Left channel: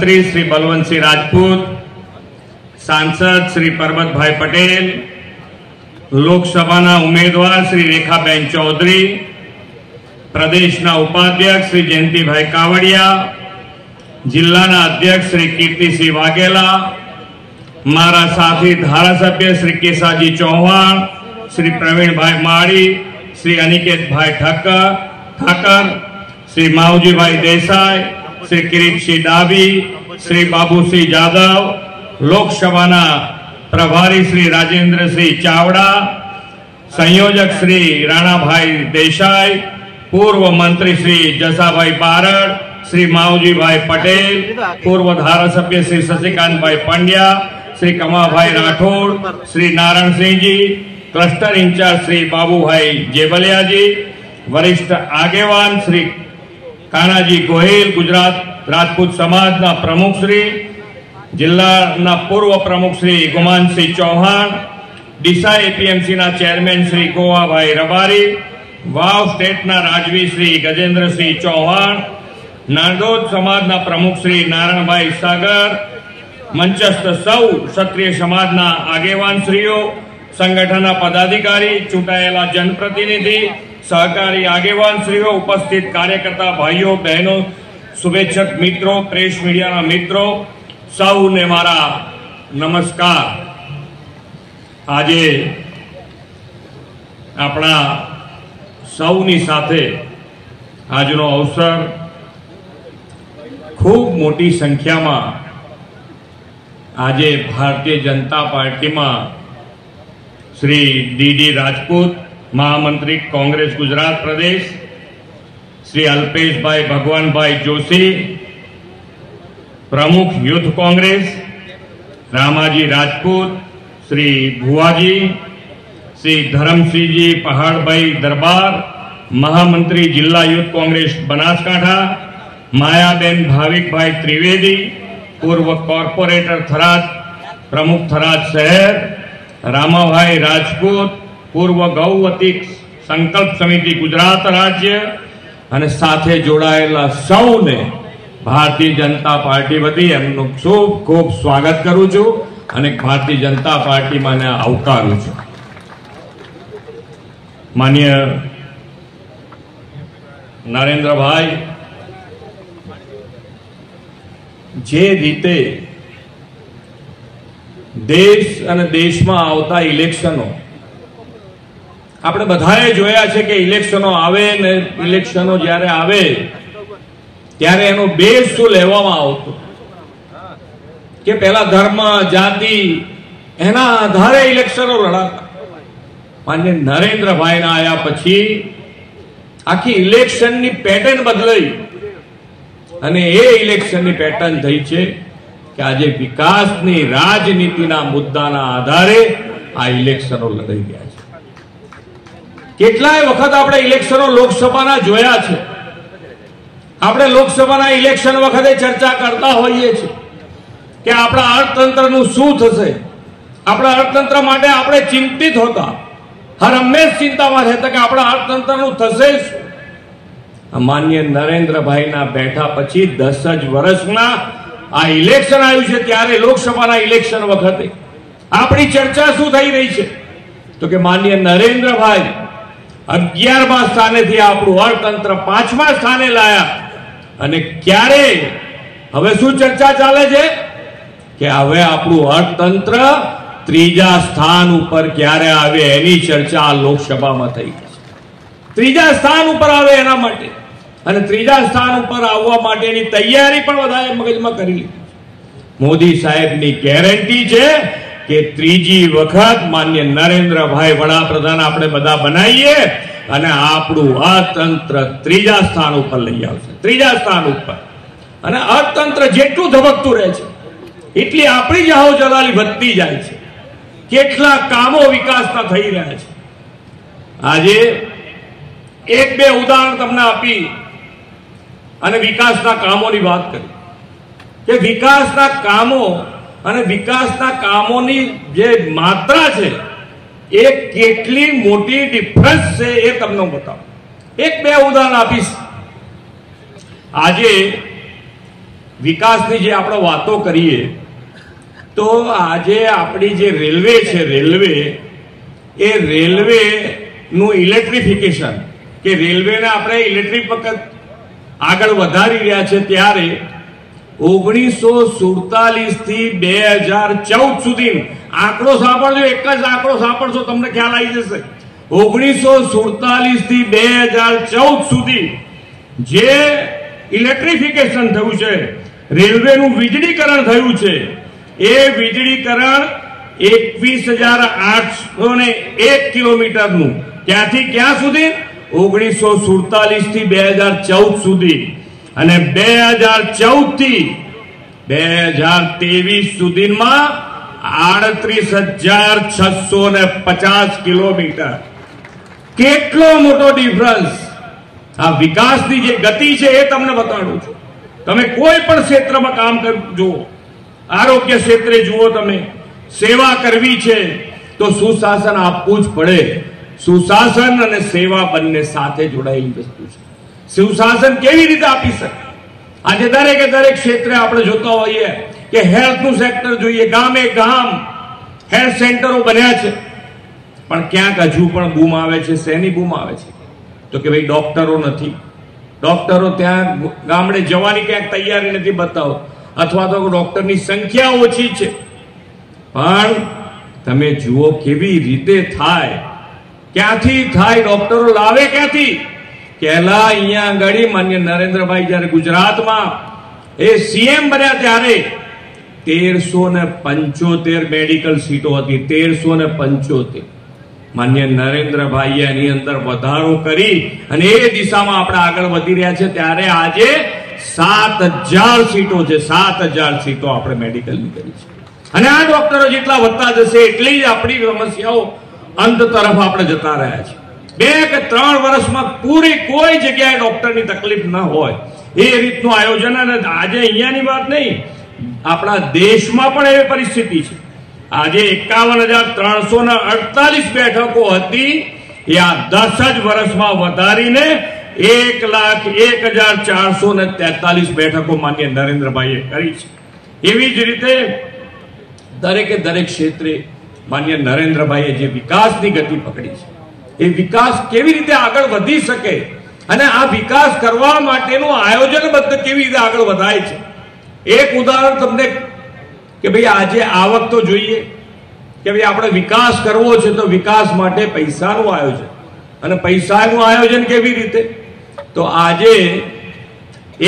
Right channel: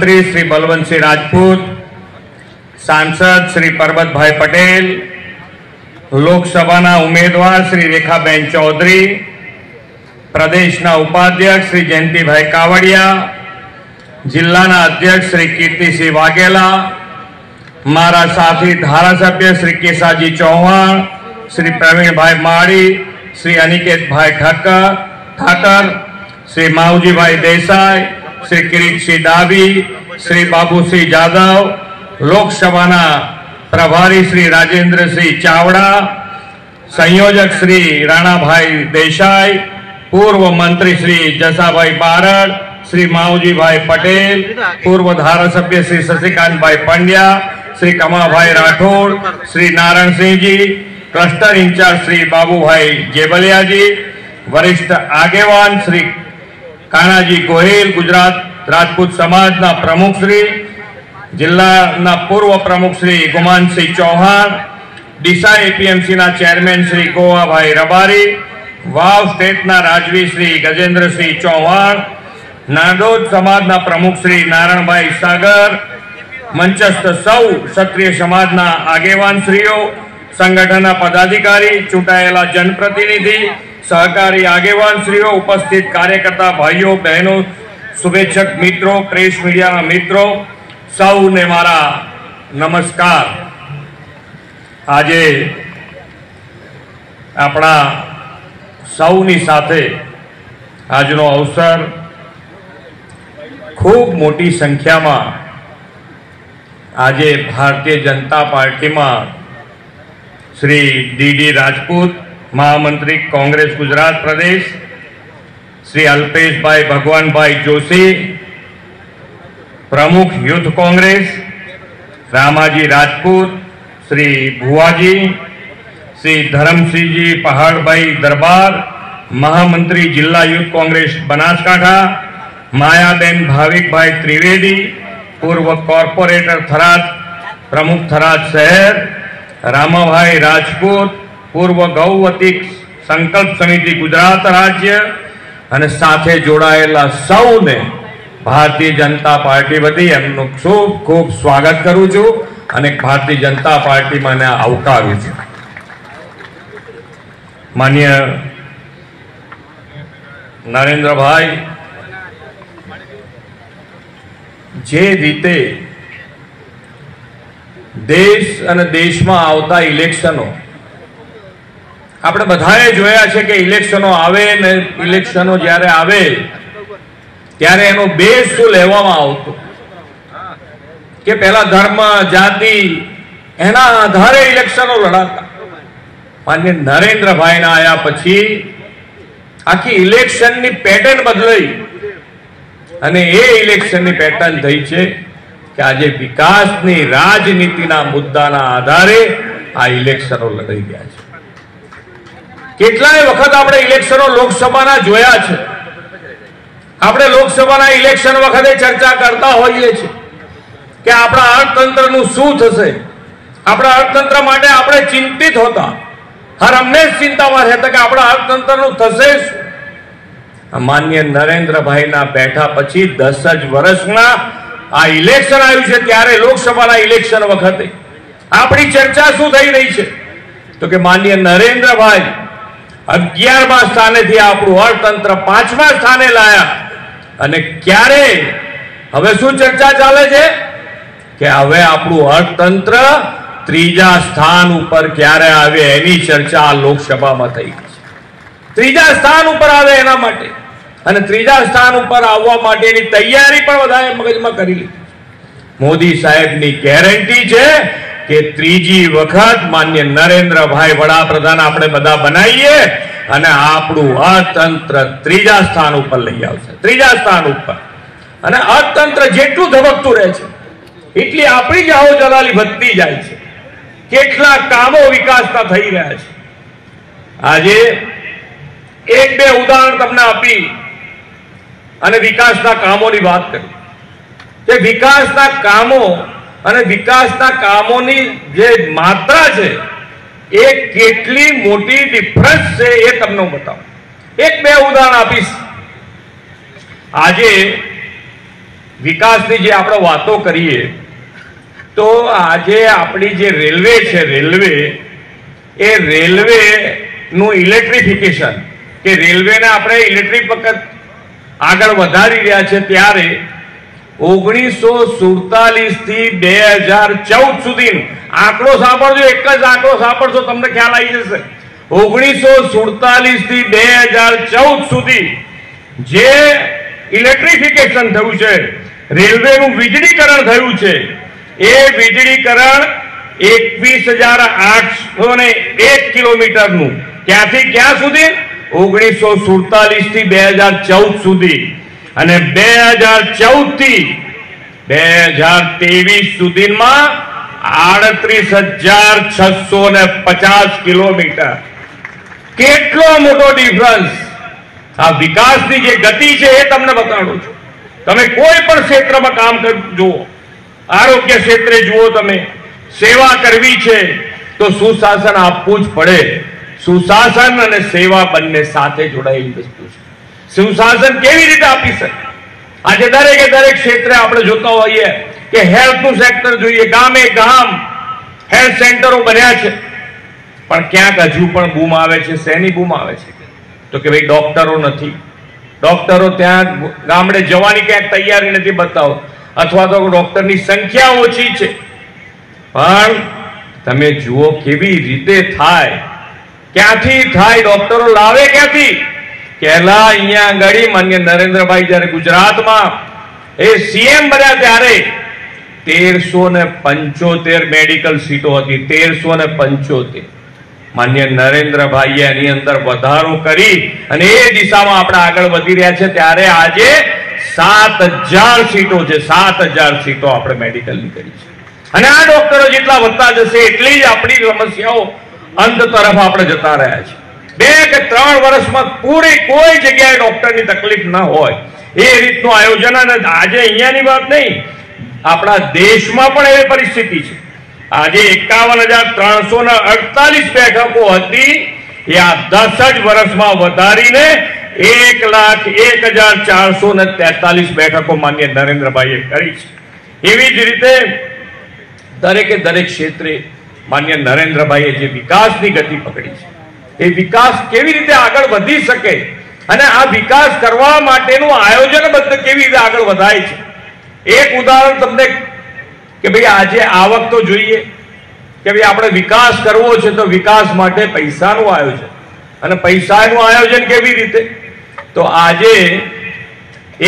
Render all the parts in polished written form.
मंत्री श्री बलवंत सिंह राजपूत, सांसद श्री परबत भाई पटेल, लोकसभा उम्मीदवार श्री रेखाबेन चौधरी, प्रदेश उपाध्यक्ष श्री जयंती भाई कावड़िया, जिला अध्यक्ष श्री कीर्ति सिंह वाघेला, मारा साथी धारासभ्य श्री केसाजी चौहान, श्री प्रवीण भाई माड़ी, श्री अनिकेत भाई ठाकर, श्री मावजी भाई देसाई, श्री किरीट सिंह डाबी, श्री बाबू सिंह यादव, लोकसभा प्रभारी श्री राजेंद्र सिंह चावड़ा, संयोजक श्री राणा भाई देसाई, पूर्व मंत्री श्री जसाभाई बारड़, श्री मावजी भाई पटेल, पूर्व धारासभ्य श्री शशिकांत भाई पंड्या, श्री कमा भाई राठौड़, श्री नारायण सिंह जी, क्लस्टर इंचार्ज श्री बाबू भाई जेबलिया जी, वरिष्ठ आगेवान श्री कानाजी गोहिल, गुजरात राजपूत समाज प्रमुख श्री, जिला पूर्व प्रमुख श्री गुमान सिंह चौहान, डीसा एपीएमसी चेरमेन श्री गोवा भाई रबारी, वाव स्टेट राजवी श्री गजेंद्र सिंह चौहान, नादोद समाज प्रमुख श्री नारायण भाई सागर, मंचस्थ सौ क्षत्रिय समाज आगेवान श्रीओ, संगठन पदाधिकारी, चूंटायेला जनप्रतिनिधि, सहकारी आगेवान श्रीओ, उपस्थित कार्यकर्ता भाईओ बहनों, शुभेच्छक मित्रों, प्रेस मीडिया मित्रों, सौने मारा नमस्कार। आजे अपना सौनी साथे आजनो अवसर खूब मोटी संख्या में आजे भारतीय जनता पार्टी में श्री डी राजपूत, महामंत्री कांग्रेस गुजरात प्रदेश, श्री अल्पेश भाई भगवान भाई जोशी, प्रमुख यूथ कांग्रेस रामाजी राजपूत, श्री भुवाजी, श्री धर्मसिंह जी पहाड़ भाई दरबार, महामंत्री जिला यूथ कांग्रेस बनासकांठा, मायाबेन भाविक भाई त्रिवेदी, पूर्व कॉर्पोरेटर थराद, प्रमुख थराद शहर, रामाभाई राजपूत, पूर्व गौवती संकल्प समिति गुजरात राज्य અને સાથે જોડાયેલા સૌને ભારતીય जनता पार्टी वती એમનું ખૂબ ખૂબ સ્વાગત કરું છું અને ભારતીય जनता पार्टी મને આવકારું છું। માનनीय नरेंद्र भाई जे रीते देश અને દેશમાં આવતા ઇલેક્શનો આપણે બધાએ જોયા છે કે ઇલેક્શનો આવે ને ઇલેક્શનો જ્યારે આવે ત્યારે એનો બેઝ શું લેવામાં આવતો કે પહેલા ધર્મ જાતિ એના આધારે ઇલેક્શનો લડાતા। માન્ય નરેન્દ્રભાઈના આયા પછી આખી ઇલેક્શનની પેટર્ન બદલાઈ અને એ ઇલેક્શનની પેટર્ન થઈ છે કે આજે વિકાસની રાજનીતિના મુદ્દાના આધારે આ ઇલેક્શનો લડાઈ ગયા છે। કેટલાય વખત આપણે ઇલેક્શનો લોકસભાના જોયા છે। આપણે લોકસભાના ઇલેક્શન વખતે ચર્ચા કરતા હોઈએ છીએ કે આપણા અર્થતંત્રનું શું થશે। આપણા અર્થતંત્ર માટે આપણે ચિંતિત હોતા, હર હંમેશ ચિંતામાં રહેતા કે આપણા અર્થતંત્રનું થશે શું। માન્ય નરેન્દ્રભાઈના બેઠા પછી 10 જ વર્ષના આ ઇલેક્શન આવ્યું છે ત્યારે લોકસભાના ઇલેક્શન વખતે આપણી ચર્ચા શું થઈ રહી છે તો કે માન્ય નરેન્દ્રભાઈ 11મા સ્થાનેથી આપણું અર્થતંત્ર 5મા સ્થાને લાયા અને ક્યારે હવે શું ચર્ચા ચાલે છે કે હવે આપણું અર્થતંત્ર 3જા સ્થાન ઉપર ક્યારે આવે એની ચર્ચા લોકસભામાં થઈ છે। 3જા સ્થાન ઉપર આવે એના માટે અને 3જા સ્થાન ઉપર આવવા માટેની તૈયારી પણ બધાએ મગજમાં કરી લીધી। મોદી સાહેબની ગેરંટી છે કે 3જી વખત માન્ય નરેન્દ્રભાઈ વડાપ્રધાન આપણે બધા બનાવીએ અને આપણું અર્થતંત્ર 3જા સ્થાન ઉપર લઈ આવશે। 3જા સ્થાન ઉપર અને અર્થતંત્ર જેટલું ધબકતું રહે છે એટલી આપણી જાહો જલાલી વધતી જાય છે। કેટલા કામો વિકાસના થઈ રહ્યા છે। આજે એક બે ઉદાહરણ તમને આપી અને વિકાસના કામોની વાત કરી કે વિકાસના કામો અને વિકાસના કામોની જે માત્રા છે એ કેટલી મોટી ડિફરન્સ છે એ તમને હું બતાવું। એક બે ઉદાહરણ આપીશ। આજે વિકાસની જે આપણે વાતો કરીએ તો આજે આપણી જે રેલવે છે, રેલવે નું ઇલેક્ટ્રિફિકેશન કે રેલવેને આપણે ઇલેક્ટ્રિક વખત આગળ વધારી રહ્યા છે, ત્યારે 1947 થી 2014 સુધી આંકડો સાંભળજો, એક જ આંકડો સાંભળજો તમને ખ્યાલ આવી જશે. 1947 થી 2014 સુધી જે ઇલેક્ટ્રિફિકેશન થયું છે, રેલવેનું વીજળીકરણ થયું છે, એ વીજળીકરણ 21,801 કિલોમીટરનું, ક્યાંથી ક્યાં સુધી? 1947 થી 2014 સુધી. અને 2014 થી 2023 સુધીમાં 38,650 કિલોમીટર. કેટલો મોટો ડિફરન્સ! આ વિકાસની જે ગતિ છે એ તમને બતાડું છું. તમે કોઈ પણ ક્ષેત્રમાં કામ જુઓ, આરોગ્ય ક્ષેત્રે જુઓ, તમે સેવા કરવી છે તો સુશાસન આપવું જ પડે. સુશાસન અને સેવા બંને સાથે જોડાયેલી વસ્તુ છે. સુશાસન કેવી રીતે આપી શકે? આજે દરેકે દરેક ક્ષેત્રે આપણે જોતા હોઈએ કે હેલ્થનું સેક્ટર જોઈએ, ગામે ગામ હેલ્થ સેન્ટરો બન્યા છે, પણ ક્યાંક હજુ પણ બૂમ આવે છે. શેની બૂમ આવે છે? તો કે ભાઈ ડોક્ટરો નથી, ડોક્ટરો ત્યાં ગામડે જવાની ક્યાંક તૈયારી નથી બતાવો, અથવા તો ડોક્ટરની સંખ્યા ઓછી છે. પણ તમે જુઓ કેવી રીતે થાય, ક્યાંથી થાય, ડોક્ટરો લાવે ક્યાંથી? પહેલા અહીંયા આગળ માન્ય નરેન્દ્રભાઈ જયારે ગુજરાતમાં એ સીએમ બન્યા ત્યારે 1375 મેડિકલ સીટો હતી. 1375. માન્ય નરેન્દ્રભાઈએ એની અંદર વધારો કરી અને એ દિશામાં આપણે આગળ વધી રહ્યા છે. ત્યારે આજે 7000 સીટો છે. 7000 સીટો આપણે મેડિકલની કરી છે. અને આ ડોક્ટરો જેટલા વધતા જશે એટલી જ આપણી સમસ્યાઓ અંત તરફ આપણે જતા રહ્યા છે. 2 કે 3 વર્ષમાં પૂરી કોઈ જગ્યાએ ડોક્ટરની તકલીફ ન હોય એ રીતનું આયોજન. અને આજે અહીંયાની વાત નહીં, આપણા દેશમાં પણ એવી પરિસ્થિતિ છે. આજે 51,348 બેઠકો હતી, એ આ 10 જ વર્ષમાં વધારીને 1,01,443 બેઠકો માન્ય નરેન્દ્રભાઈએ કરી છે. એવી જ રીતે દરેકે દરેક ક્ષેત્રે માન્ય નરેન્દ્રભાઈએ જે વિકાસની ગતિ પકડી છે, એ વિકાસ કેવી રીતે આગળ વધી શકે અને આ વિકાસ કરવા માટેનું આયોજનબદ્ધ કેવી રીતે આગળ વધાય છે. એક ઉદાહરણ તમને કે ભાઈ આજે આવક તો જોઈએ કે ભાઈ આપણે વિકાસ કરવો છે તો વિકાસ માટે પૈસાનું આયોજન, અને પૈસાનું આયોજન કેવી રીતે? તો આજે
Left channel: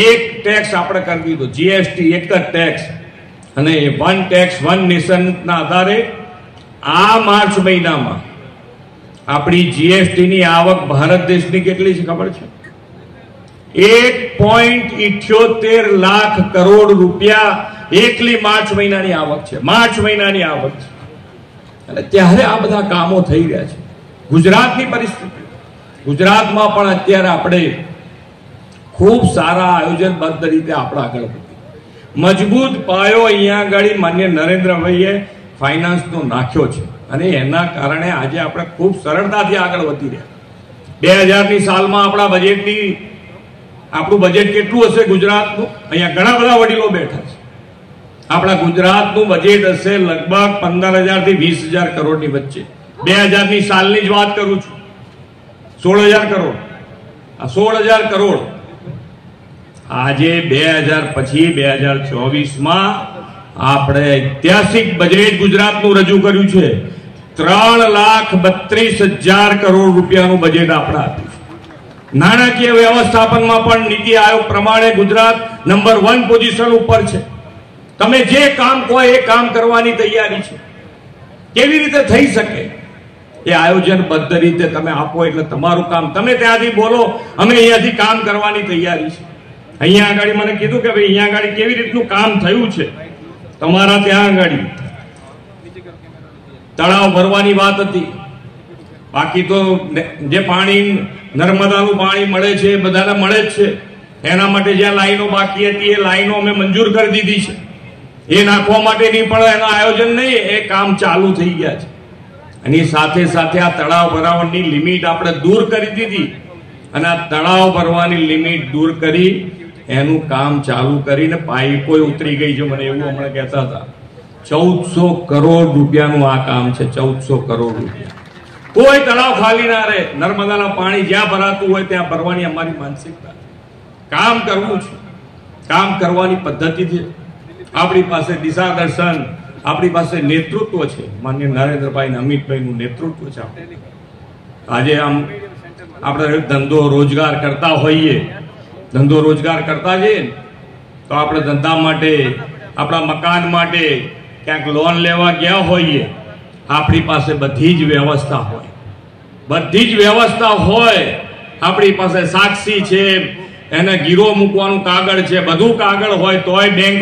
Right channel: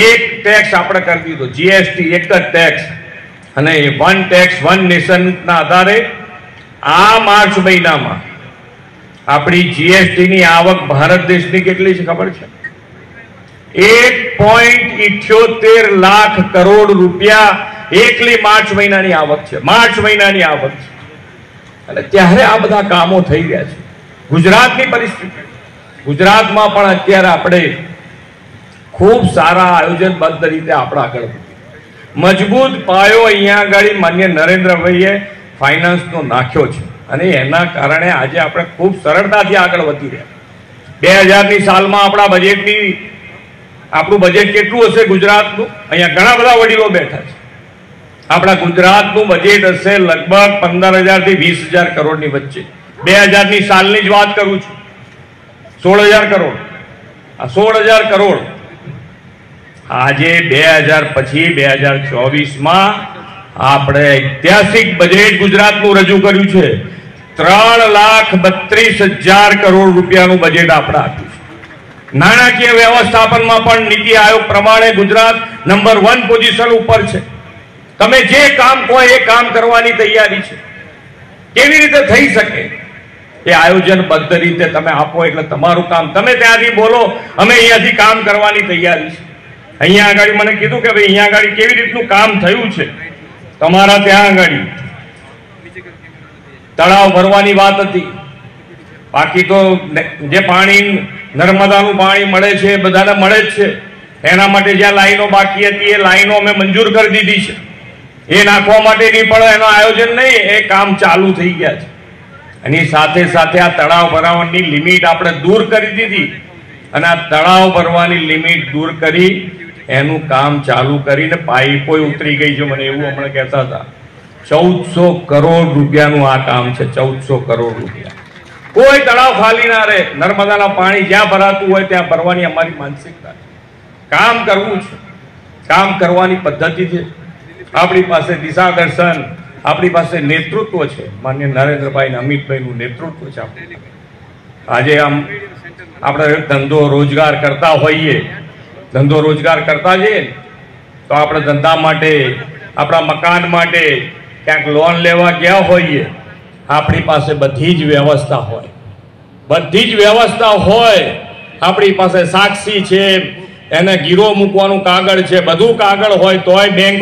એક ટેક્સ આપણે કરી દીધો, જીએસટી, એક જ ટેક્સ, અને વન ટેક્સ વન નેશન ના આધારે આ માર્ચ મહિનામાં આપણી જીએસટી ની આવક ભારત દેશની કેટલી છે ખબર છે? 1.78 લાખ કરોડ રૂપિયા એકલી માર્ચ મહિનાની આવક છે. માર્ચ મહિનાની આવક છે. અને ત્યારે આ બધા કામો થઈ રહ્યા છે. ગુજરાતની પરિસ્થિતિ, ગુજરાતમાં પણ અત્યારે આપણે ખૂબ સારા આયોજનબદ્ધ રીતે આપણે આગળ મજબૂત પાયો અહીંયા આગળ માન્ય નરેન્દ્રભાઈએ ફાઇનાન્સનો નાખ્યો છે, અને એના કારણે આજે આપણે ખૂબ સરળતાથી આગળ વધી રહ્યા. 2000ની સાલમાં આપણા બજેટની આપણું બજેટ કેટલું હશે ગુજરાતનું? અહીંયા ઘણા બધા વડીલો બેઠા છે. આપણા ગુજરાતનું બજેટ હશે લગભગ 15,000 થી 20,000 કરોડની વચ્ચે. 2000ની સાલની જ વાત કરું છું. 16,000 કરોડ. આ 16,000 કરોડ આજે 2000 પછી 2024માં આપણે ઐતિહાસિક બજેટ ગુજરાતનું રજૂ કર્યું છે. 3,32,000 કરોડ રૂપિયાનું બજેટ આપણે આપ્યું છે. નાણાકીય વ્યવસ્થાપનમાં પણ નીતિ આયોગ પ્રમાણે ગુજરાત નંબર 1 પોઝિશન ઉપર છે. તમે જે કામ કહો એ કામ કરવાની તૈયારી છે. કેવી રીતે થઈ શકે? એ આયોજનબદ્ધ રીતે તમે આપો એટલે તમારું કામ. તમે ત્યાંથી બોલો અમે અહીંયાથી કામ કરવાની તૈયારી છે. અહીંયા આગળ મને કીધું કે ભાઈ અહીંયા આગળ કેવી રીતનું કામ થયું છે. તમારા ત્યાં આગળ તળાવ ભરવાની વાત હતી. બાકી તો જે પાણી નર્મદાનું પાણી મળે છે એ બધાને મળે જ છે. એના માટે જ્યાં લાઈનો બાકી હતી એ લાઈનો અમે મંજૂર કરી દીધી છે. એ નાખવા માટેની પણ એનું આયોજન નહીં, એ કામ ચાલુ થઈ ગયા છે. એની સાથે સાથે આ તળાવ ભરાવાની લિમિટ આપણે દૂર કરી દીધી, અને આ તળાવ ભરવાની લિમિટ દૂર કરી એનું કામ ચાલુ કરીને પાઇપો ઉતરી ગઈ છે. મને એવું હમણાં કહેતા હતા 1400 કરોડ રૂપિયાનું આ કામ છે. 1400 કરોડ રૂપિયા. કોઈ તળાવ ખાલી ના રહે. નર્મદાના પાણી જ્યાં ભરાતું હોય ત્યાં ભરવાની અમારી માનસિકતા છે. કામ કરવું છે, કામ કરવાની પદ્ધતિ છે. આપણી પાસે દિશા દર્શન, આપણી પાસે નેતૃત્વ છે. માન્ય નરેન્દ્રભાઈ અને અમિતભાઈનું નેતૃત્વ છે. આજે આમ આપણે ધંધો રોજગાર કરતા હોઈએ, ધંધો રોજગાર કરતા જઈએ તો આપણે ધંધા માટે, આપણા મકાન માટે ક્યાંક લોન લેવા ગયા હોઈએ, આપણી પાસે બધી જ વ્યવસ્થા હોય, બધી જ વ્યવસ્થા હોય. આપણી પાસે સાક્ષી છે, એને ગીરો મૂકવાનું કાગળ છે, બધું કાગળ હોય તોય બેંક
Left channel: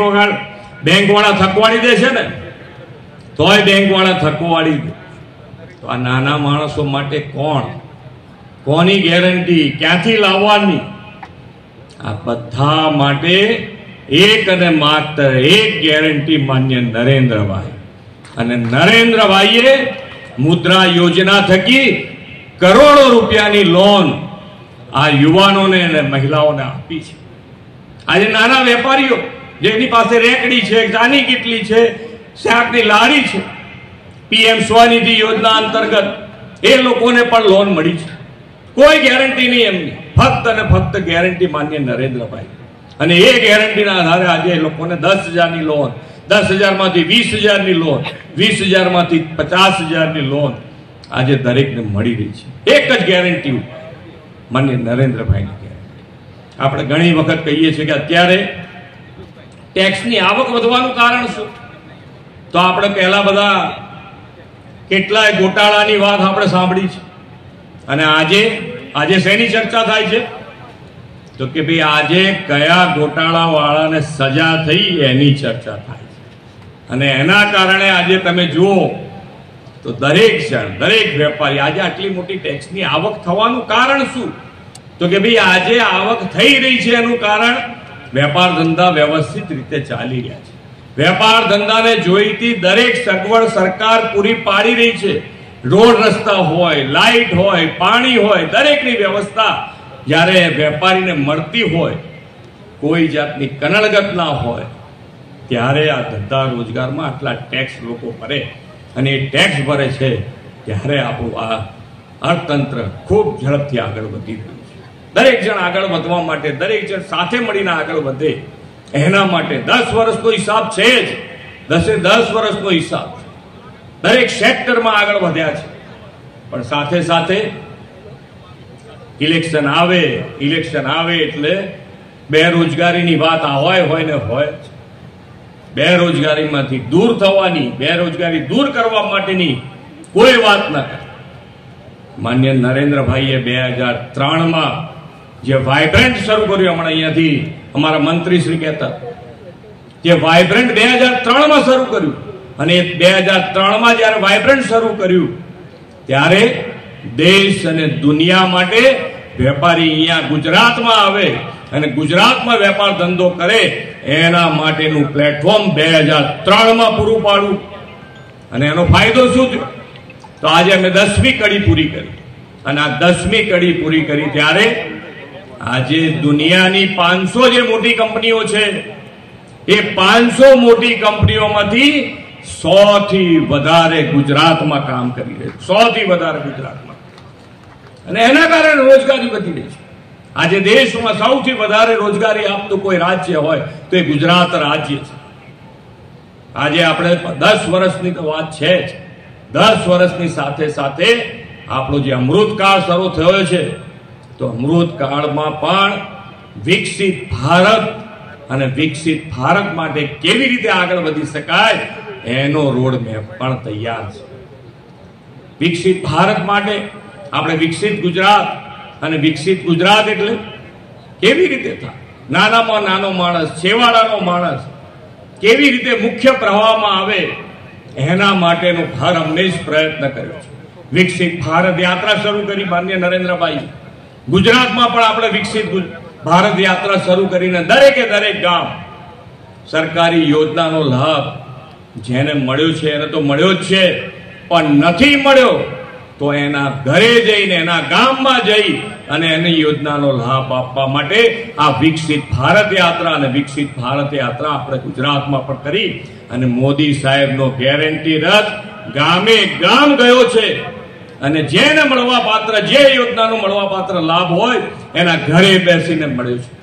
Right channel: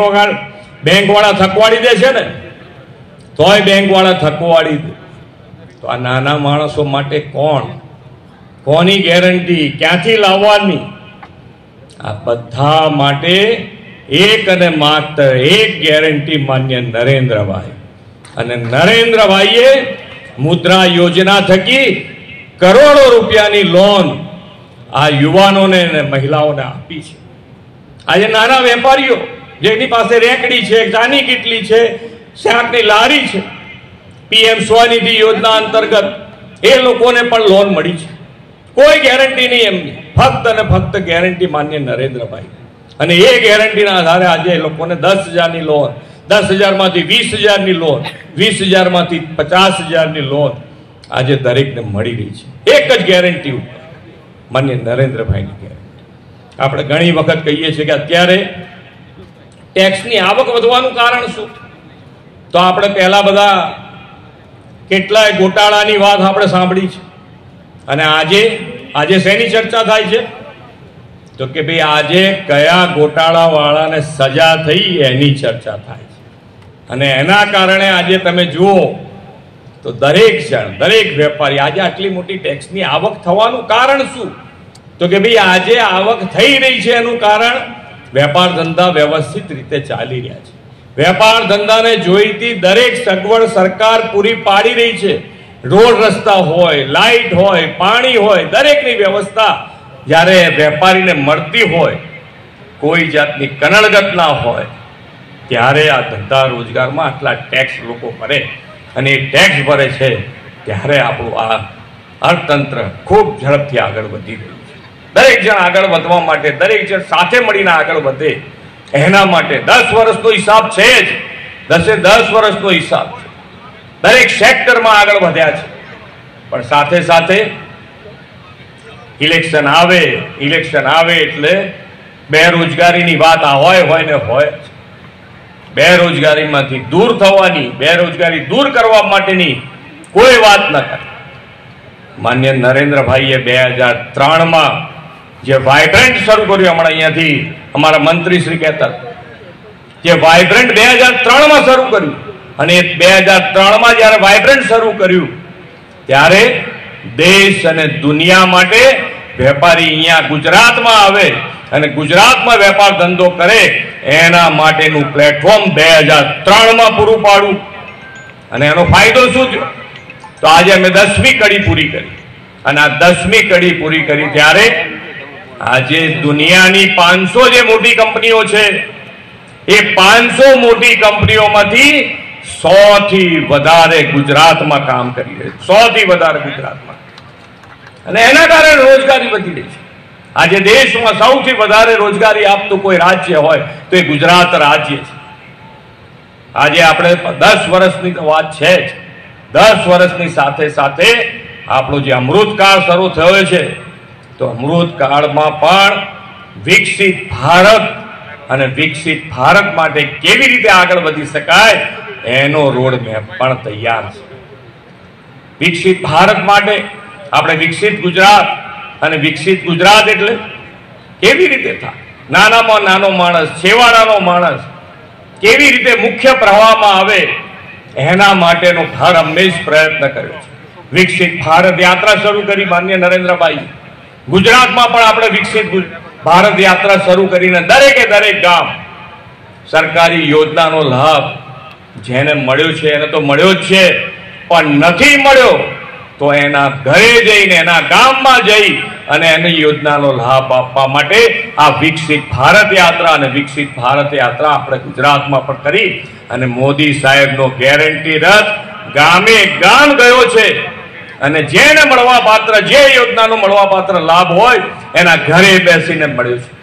વાળા થકવાડી દે છે ને, તોય બેંક વાળા થકવાડી દે. તો આ નાના માણસો માટે કોની ગેરંટી, ક્યાંથી લાવવાની? આ બધા માટે એક અને માત્ર એક ગેરંટી માન્ય નરેન્દ્રભાઈ. અને નરેન્દ્રભાઈએ મુદ્રા યોજના થકી કરોડો રૂપિયાની લોન આ યુવાનોને અને મહિલાઓને આપી છે. આજે નાના વેપારીઓ જેની પાસે રેકડી છે, ચાની કીટલી છે, શાકની લારી છે, પીએમ સ્વનિધિ યોજના અંતર્ગત એ લોકોને પણ લોન મળી છે. કોઈ ગેરંટી નહીં એમની, ફક્ત અને ફક્ત ગેરંટી માન્ય નરેન્દ્રભાઈ. અને એ ગેરંટીના આધારે આજે એ લોકોને 10,000ની લોન, 10,000 માંથી 20,000ની લોન, 20,000 માંથી 50,000ની લોન આજે દરેકને મળી રહી છે. એક જ ગેરંટી ઉપર, માન્ય નરેન્દ્રભાઈની ગેરંટી. આપણે ઘણી વખત કહીએ છીએ કે અત્યારે ટેક્સની આવક વધવાનું કારણ શું? તો આપણે પહેલા બધા કેટલાય ગોટાળાની વાત આપણે સાંભળી છે. અને આજે શેની ચર્ચા થાય છે? તો કે ભાઈ આજે કયા ગોટાળા વાળાને સજા થઈ એની ચર્ચા થાય છે. અને એના કારણે આજે તમે જુઓ તો દરેક જણ, દરેક વેપારી, આજે આટલી મોટી ટેક્સની આવક થવાનું કારણ શું? તો કે ભાઈ આજે આવક થઈ રહી છે એનું કારણ વેપાર ધંધા વ્યવસ્થિત રીતે ચાલી રહ્યા છે. વેપાર ધંધાને જોઈતી દરેક સગવડ સરકાર પૂરી પાડી રહી છે. રોડ રસ્તા હોય, લાઇટ હોય, પાણી હોય, દરેકની વ્યવસ્થા જ્યારે વેપારીને મળતી હોય, કોઈ જાતની કનડગત ના હોય, ત્યારે આ ધંધા રોજગારમાં આટલા ટેક્સ લોકો ભરે. અને એ ટેક્સ ભરે છે ત્યારે આપણું આ અર્થતંત્ર ખૂબ ઝડપથી આગળ વધી રહ્યું છે. દરેક જણ આગળ વધવા માટે, દરેક જણ સાથે મળીને આગળ વધે એના માટે 10 વર્ષનો હિસાબ છે જ. 10 વર્ષનો હિસાબ છે. દરેક સેક્ટરમાં આગળ વધ્યા છે. પણ સાથે સાથે ઇલેક્શન આવે એટલે બેરોજગારીની વાત હોય ને હોય. બેરોજગારીમાંથી દૂર થવાની, બેરોજગારી દૂર કરવા માટેની કોઈ વાત ન કરે. માન્ય નરેન્દ્રભાઈએ 2003માં જે વાઇબ્રન્ટ શરૂ કર્યું, હમણાં અહીંયાથી અમારા મંત્રી શ્રી કહેતા, જે વાઇબ્રન્ટ 2003માં શરૂ કર્યું, અને 2003માં જયારે વાઇબ્રન્ટ શરૂ કર્યું ત્યારે દેશ અને દુનિયા માટે વેપારી અહીંયા ગુજરાતમાં આવે અને ગુજરાતમાં વેપાર ધંધો કરે એના માટેનું પ્લેટફોર્મ 2003માં પૂરું પાડ્યું. અને એનો ફાયદો શું થયો? તો આજે અમે 10મી કડી પૂરી કરી. અને આ 10મી કડી પૂરી કરી ત્યારે આજે દુનિયાની 500 જે મોટી કંપનીઓ છે એ 500 મોટી કંપનીઓમાંથી 100 થી વધારે ગુજરાતમાં કામ કરી રહી છે. 100 થી વધારે ગુજરાતમાં. અને એના કારણે રોજગારી વધી રહી છે. આજે દેશમાં સૌથી વધારે રોજગારી આપતું કોઈ રાજ્ય હોય તો એ ગુજરાત રાજ્ય છે. આજે આપણે 10 વર્ષની તો વાત છે જ. 10 વર્ષની સાથે સાથે આપણો જે અમૃતકાળ શરૂ થયો છે, તો અમૃતકાળમાં પણ વિકસિત ભારત અને વિકસિત ભારત માટે કેવી રીતે આગળ વધી શકાય એનો રોડ મેપ પણ તૈયાર છે. વિકસિત ભારત માટે આપણે વિકસિત ગુજરાત, અને વિકસિત ગુજરાત એટલે કેવી રીતે થાય? નાનામાં નાનો માણસ, છેવાડાનો માણસ કેવી રીતે મુખ્ય પ્રવાહમાં આવે એના માટેનો હર હંમેશ પ્રયત્ન કર્યો છે. વિકસિત ભારત યાત્રા શરૂ કરી માન્ય નરેન્દ્રભાઈ. ગુજરાતમાં પણ આપણે વિકસિત ભારત યાત્રા શરૂ કરીને દરેકે દરેક ગામ સરકારી યોજનાનો લાભ જેને મળ્યો છે એને તો મળ્યો જ છે, પણ નથી મળ્યો તો એના ઘરે જઈને એના ગામમાં જઈ અને એની યોજનાનો લાભ આપવા માટે આ વિકસિત ભારત યાત્રા અને વિકસિત ભારત યાત્રા આપણે ગુજરાતમાં પણ કરી અને મોદી સાહેબનો ગેરંટી રથ ગામે ગામ ગયો છે અને જેને મળવા પાત્ર જે યોજનાનો મળવા પાત્ર લાભ હોય એના ઘરે બેસીને મળ્યો છે।